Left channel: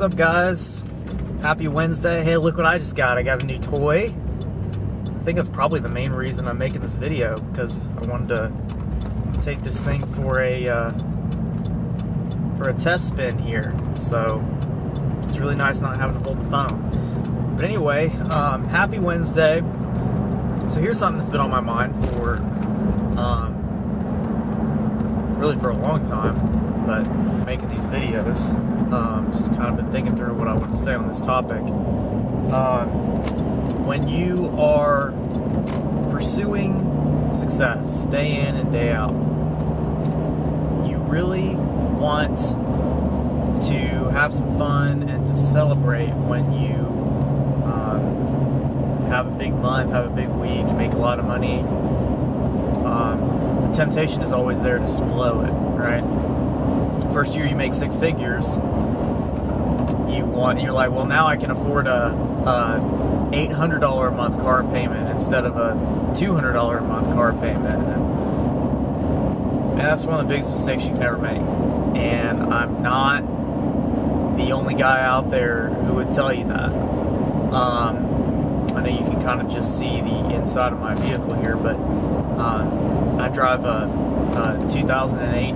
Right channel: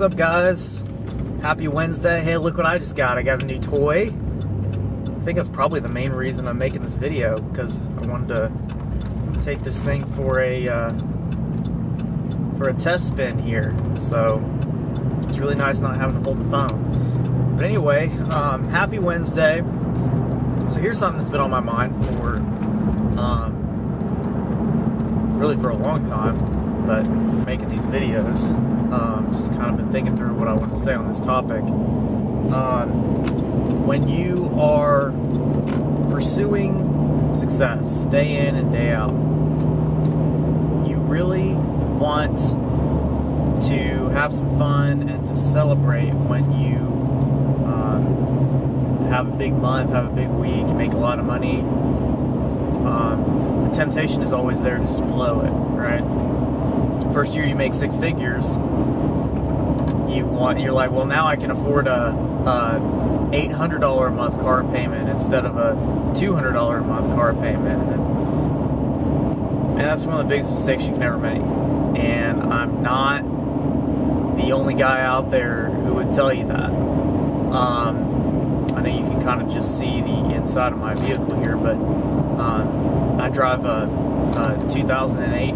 What's up, guys? Happy Wednesday. Hey, look what I just got. I got a new toy. I think that's probably the main reason I'm making this video, because I wanted to take this thing for a test spin here. So it's really nice not having to hold the phone. But anyway, happy Wednesday. So here's something that's been on my mind for really for a long time, but making these videos, just kind of been thinking through what I want to say on this topic. When you are pursuing success day in and day out, you really want to have some fun and to celebrate when you have a big month, have a big week, make a lot of money. The temptation is always there to just blow it, right? First year you make six figures, you're like, well, now I can afford a $800 a month car payment instead of a $200 a month car payment, and that's one of the biggest mistakes you can ever make. And I'm not the only guy out there who would tell you that. I know you can kind of just see the inside of my vehicle here, but I drive a 2008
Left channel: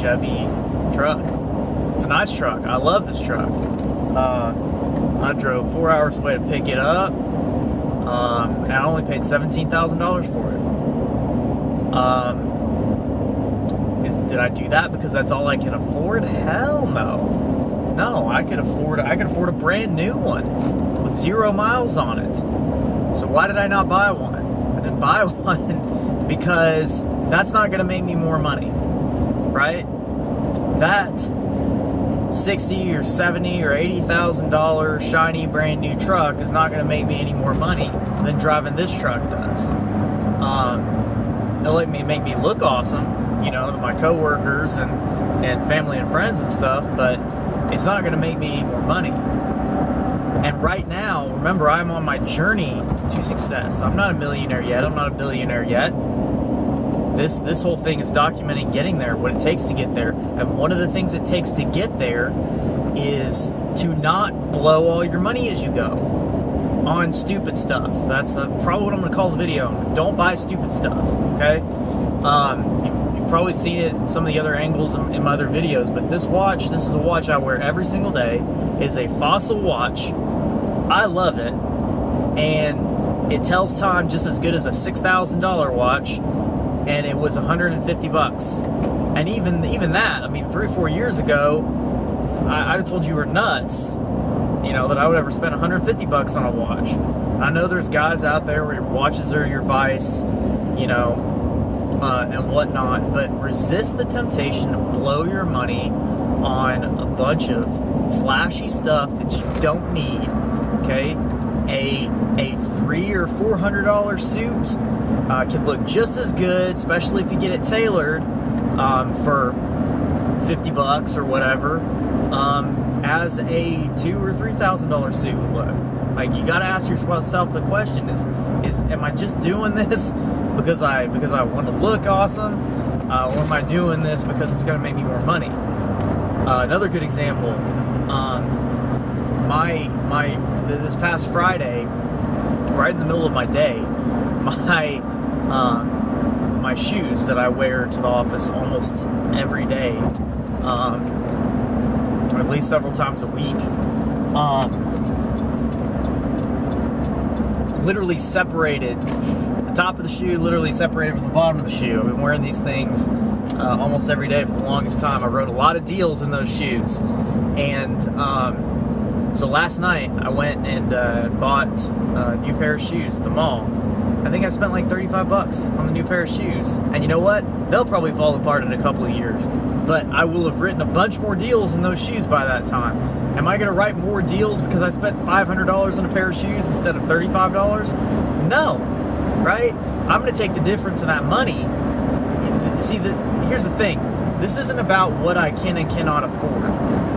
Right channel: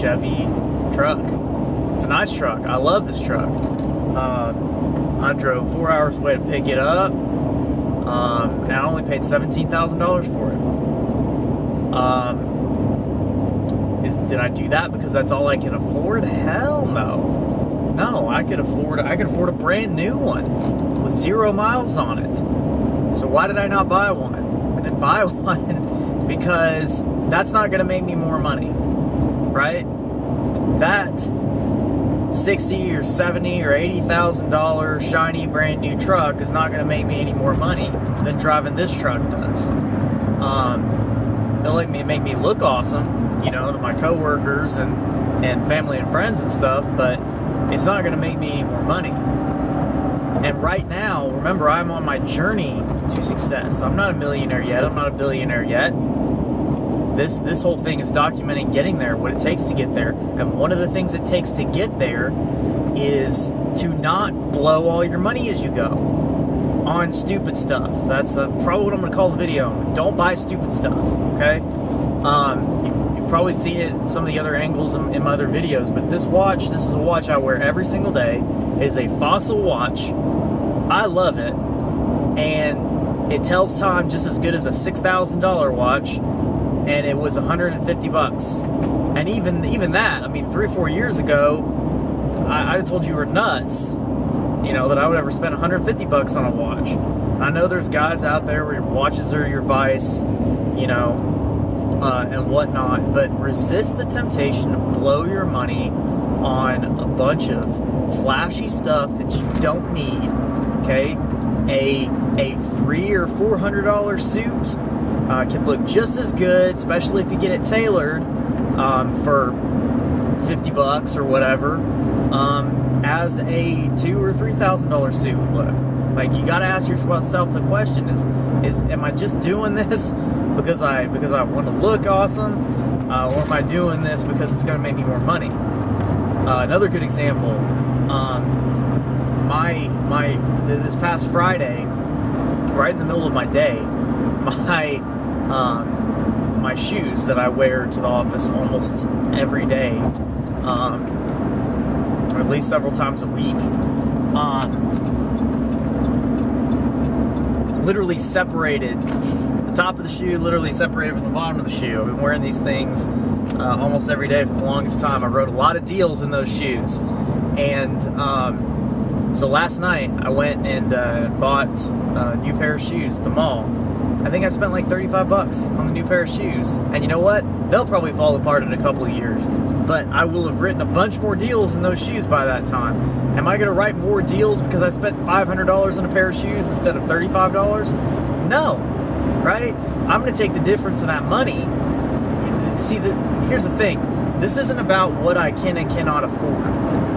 Chevy truck. It's a nice truck. I love this truck. I drove 4 hours away to pick it up, and I only paid $17,000 for it. Did I do that because that's all I can afford? Hell no. No, I could afford a brand new one with 0 miles on it. So why did I not buy one? I didn't buy one because that's not going to make me more money, right? That $60 or $70 or $80,000 shiny brand new truck is not going to make me any more money than driving this truck does. It'll make me look awesome, to my coworkers and family and friends and stuff, but it's not going to make me any more money. And right now, remember, I'm on my journey to success. I'm not a millionaire yet. I'm not a billionaire yet. This whole thing is documenting getting there, what it takes to get there. And one of the things it takes to get there is to not blow all your money as you go on stupid stuff. That's probably what I'm going to call the video. Don't buy stupid stuff, okay? You've probably seen it in some of the other angles in my other videos, but this is a watch I wear every single day. It is a Fossil watch. I love it. And it tells time just as good as a $6,000 watch. And it was $150. And even that, 3 or 4 years ago, I'd have told you were nuts, that I would ever spend $150 on a watch. I know there's guys out there where your watches are your vice, and whatnot, but resist the temptation to blow your money on a bunch of flashy stuff that you don't need, okay? A $300 or $400 suit can look just as good, especially if you get it tailored for $50 or whatever, as a $2,000 or $3,000 suit would look. Like, you got to ask yourself the question: Is am I just doing this because I want to look awesome, or am I doing this because it's going to make me more money? Another good example: this past Friday, right in the middle of my day, my shoes that I wear to the office almost every day, or at least several times a week, literally separated. The top of the shoe literally separated from the bottom of the shoe. I've been wearing these things almost every day for the longest time. I wrote a lot of deals in those shoes, and so last night I went and bought a new pair of shoes at the mall. I think I spent like $35 on the new pair of shoes. And you know what? They'll probably fall apart in a couple of years. But I will have written a bunch more deals in those shoes by that time. Am I going to write more deals because I spent $500 on a pair of shoes instead of $35? No. Right? I'm going to take the difference in that money. See, here's the thing. This isn't about what I can and cannot afford.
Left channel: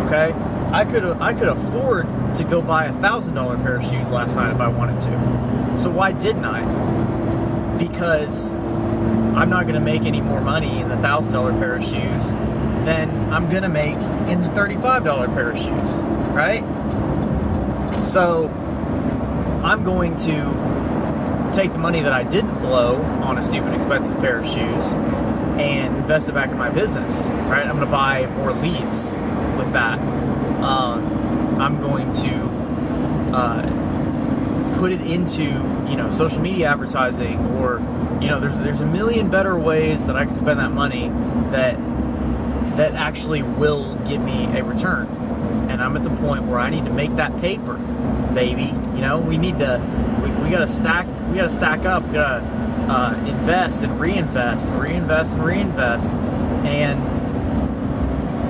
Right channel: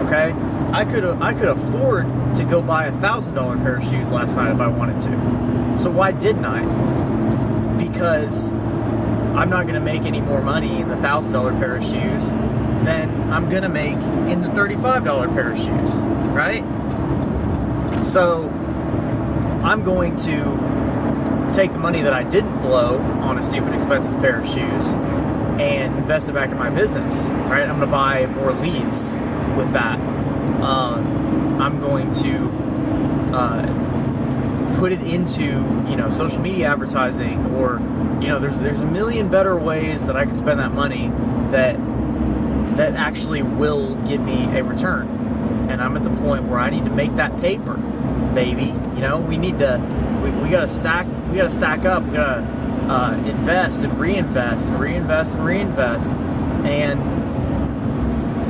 Okay? I could afford to go buy a $1,000 pair of shoes last night if I wanted to. So why didn't I? Because I'm not going to make any more money in the $1,000 pair of shoes than I'm gonna make in the $35 pair of shoes, right? So I'm going to take the money that I didn't blow on a stupid expensive pair of shoes and invest it back in my business, right? I'm gonna buy more leads with that. I'm going to put it into, social media advertising, or, there's a million better ways that I can spend that money that actually will give me a return. And I'm at the point where I need to make that paper, baby. We need to, we gotta stack up. We gotta invest and reinvest and reinvest and reinvest. And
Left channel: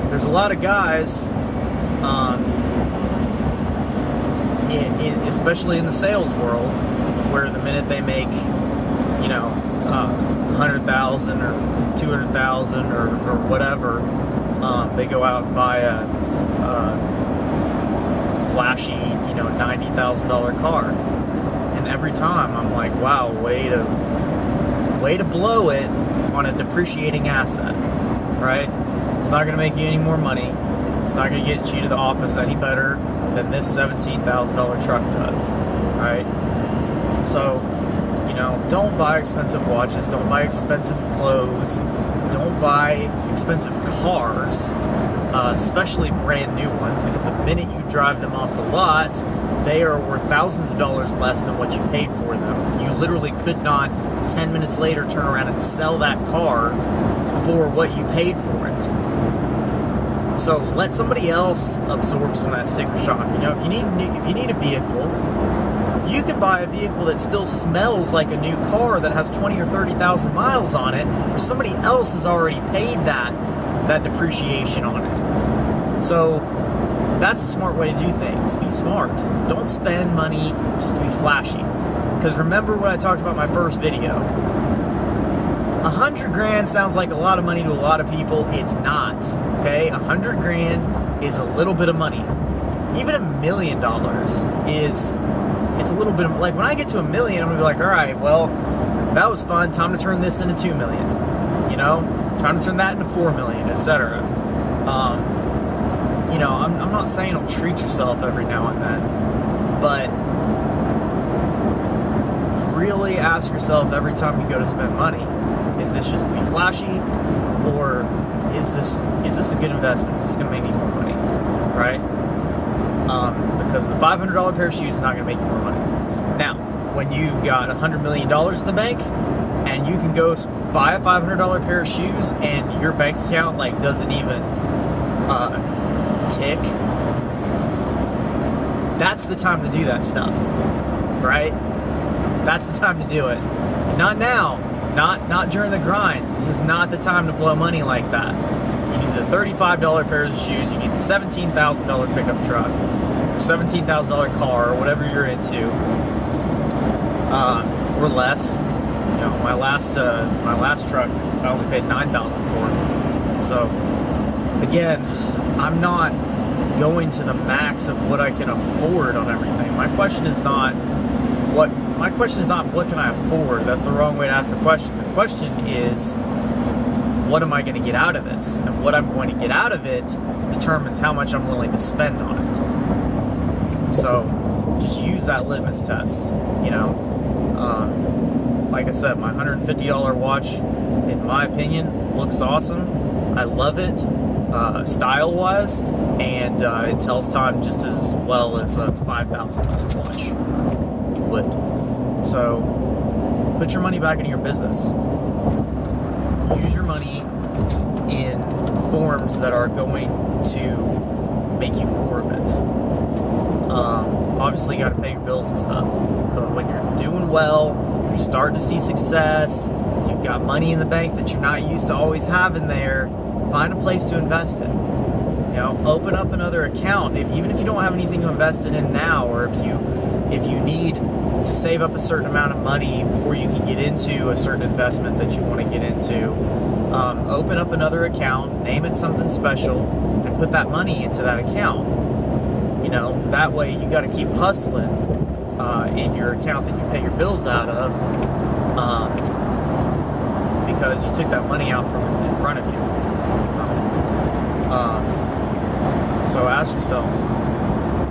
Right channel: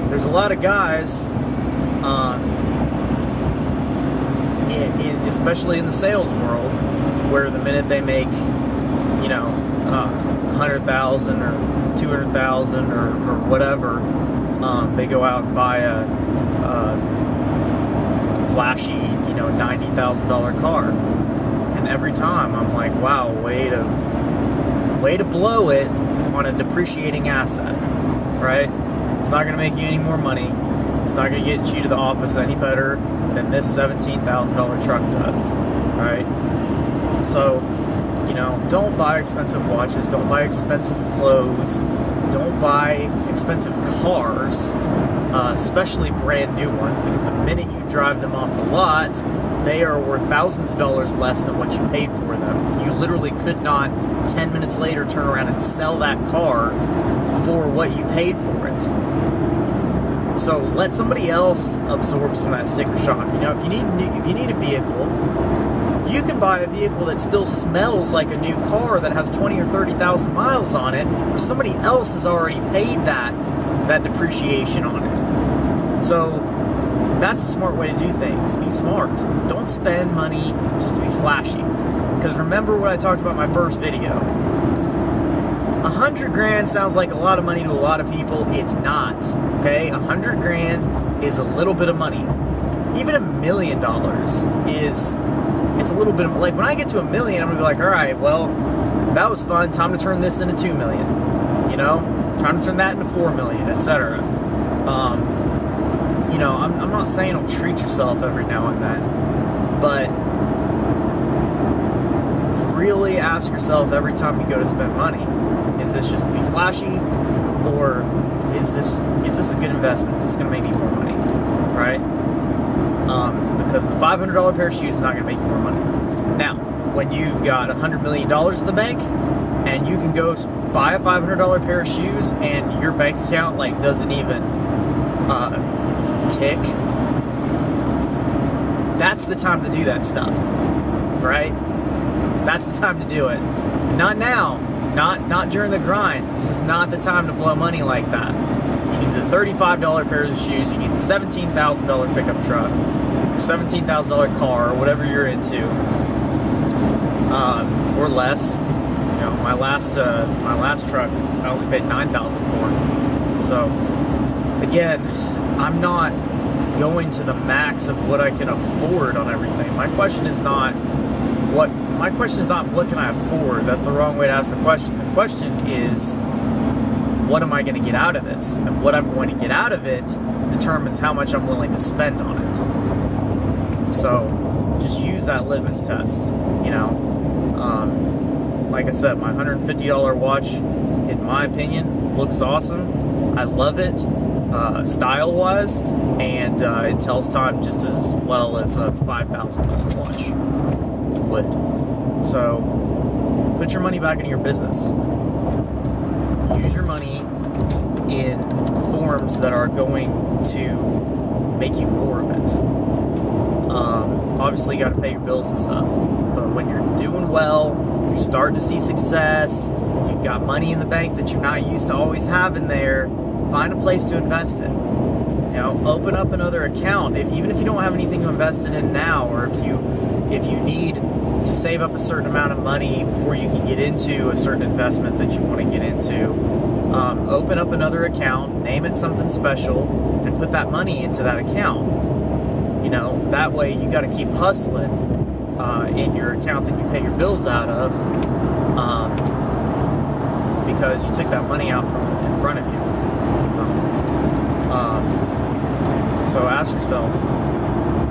there's a lot of guys, especially in the sales world, where the minute they make, 100,000 or 200,000 or whatever, they go out and buy a flashy, $90,000 car. And every time I'm like, wow, way to blow it on a depreciating asset, right? It's not going to make you any more money. It's not going to get you to the office any better than this $17,000 truck does, right? So, don't buy expensive watches, don't buy expensive clothes, don't buy expensive cars, especially brand new ones, because the minute you drive them off the lot, they are worth thousands of dollars less than what you paid for them. You literally could not 10 minutes later turn around and sell that car for what you paid for it. So let somebody else absorb some of that sticker shock. If you need a vehicle, you can buy a vehicle that still smells like a new car that has 20 or 30,000 miles on it, where somebody else has already paid that depreciation on it. So that's a smart way to do things. Be smart. Don't spend money just to be flashy. Because remember what I talked about in my first video. 100 grand sounds like a lot of money to a lot of people. It's not. Okay? 100 grand is a little bit of money. Even $1 million it's a little bit of, like, when I get to $1 million, I'm gonna be like, all right, well, that was fun. Time to turn this into $2 million. Trying to turn that into $4 million, etc. I'm not saying don't treat yourself every now and then, but really ask yourself every time you go to spend money, is this just to be flashy, or is this a good investment? Is this going to make me more money, right? Because the $500 pair of shoes is not going to make you more money. Now, when you've got $100 million in the bank, and you can go buy a $500 pair of shoes, and your bank account doesn't even tick, that's the time to do that stuff, right? That's the time to do it. Not now. Not during the grind. This is not the time to blow money like that. You need the $35 pairs of shoes. You need the $17,000 pickup truck, or $17,000 car, or whatever you're into, or less. My last truck, I only paid $9,000 for. So again, I'm not going to the max of what I can afford on everything. My question is not what can I afford. That's the wrong way to ask the question. The question is, what am I going to get out of this? And what I'm going to get out of it determines how much I'm willing to spend on it. So just use that litmus test. Like I said, my $150 watch, in my opinion, looks awesome. I love it, style-wise, and it tells time just as well as a $5,000 watch would. So put your money back into your business. Use your money in forms that are going to make you more of it. Obviously, you got to pay your bills and stuff, but when you're doing well, you're starting to see success, you've got money in the bank that you're not used to always having there, find a place to invest it. Open up another account, even if you don't have anything to invest it in now, or if you need to save up a certain amount of money before you can get into a certain investment that you want to get into. Open up another account, name it something special, and put that money into that account. That way you got to keep hustling in your account that you pay your bills out of, because you took that money out from in front of you. So ask yourself,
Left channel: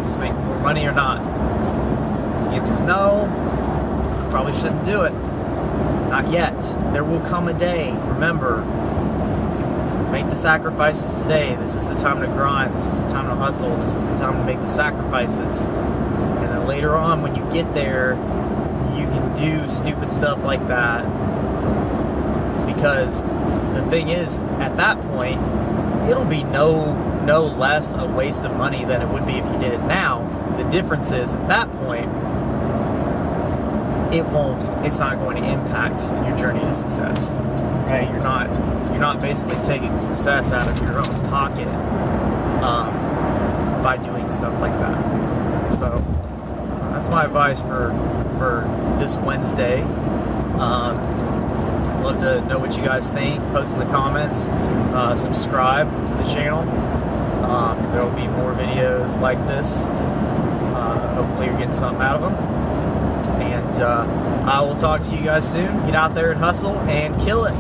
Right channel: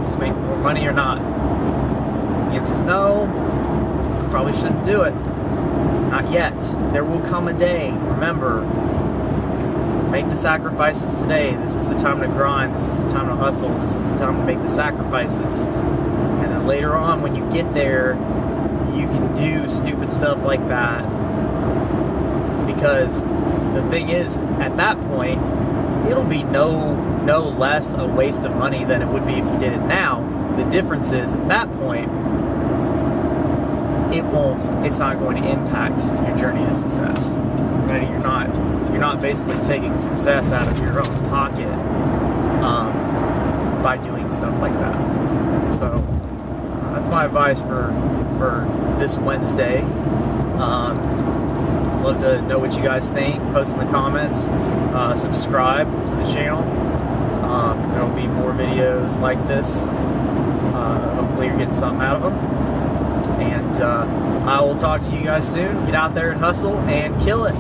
just make more money or not? If the answer is no, you probably shouldn't do it. Not yet. There will come a day. Remember, make the sacrifices today. This is the time to grind. This is the time to hustle. This is the time to make the sacrifices. And then later on, when you get there, you can do stupid stuff like that. Because the thing is, at that point, it'll be no less a waste of money than it would be if you did it now. The difference is, at that point, it's not going to impact your journey to success. Right? You're not basically taking success out of your own pocket by doing stuff like that. So that's my advice for this Wednesday. Love to know what you guys think. Post in the comments. Subscribe to the channel. There will be more videos like this. Hopefully you're getting something out of them. And I will talk to you guys soon. Get out there and hustle and kill it.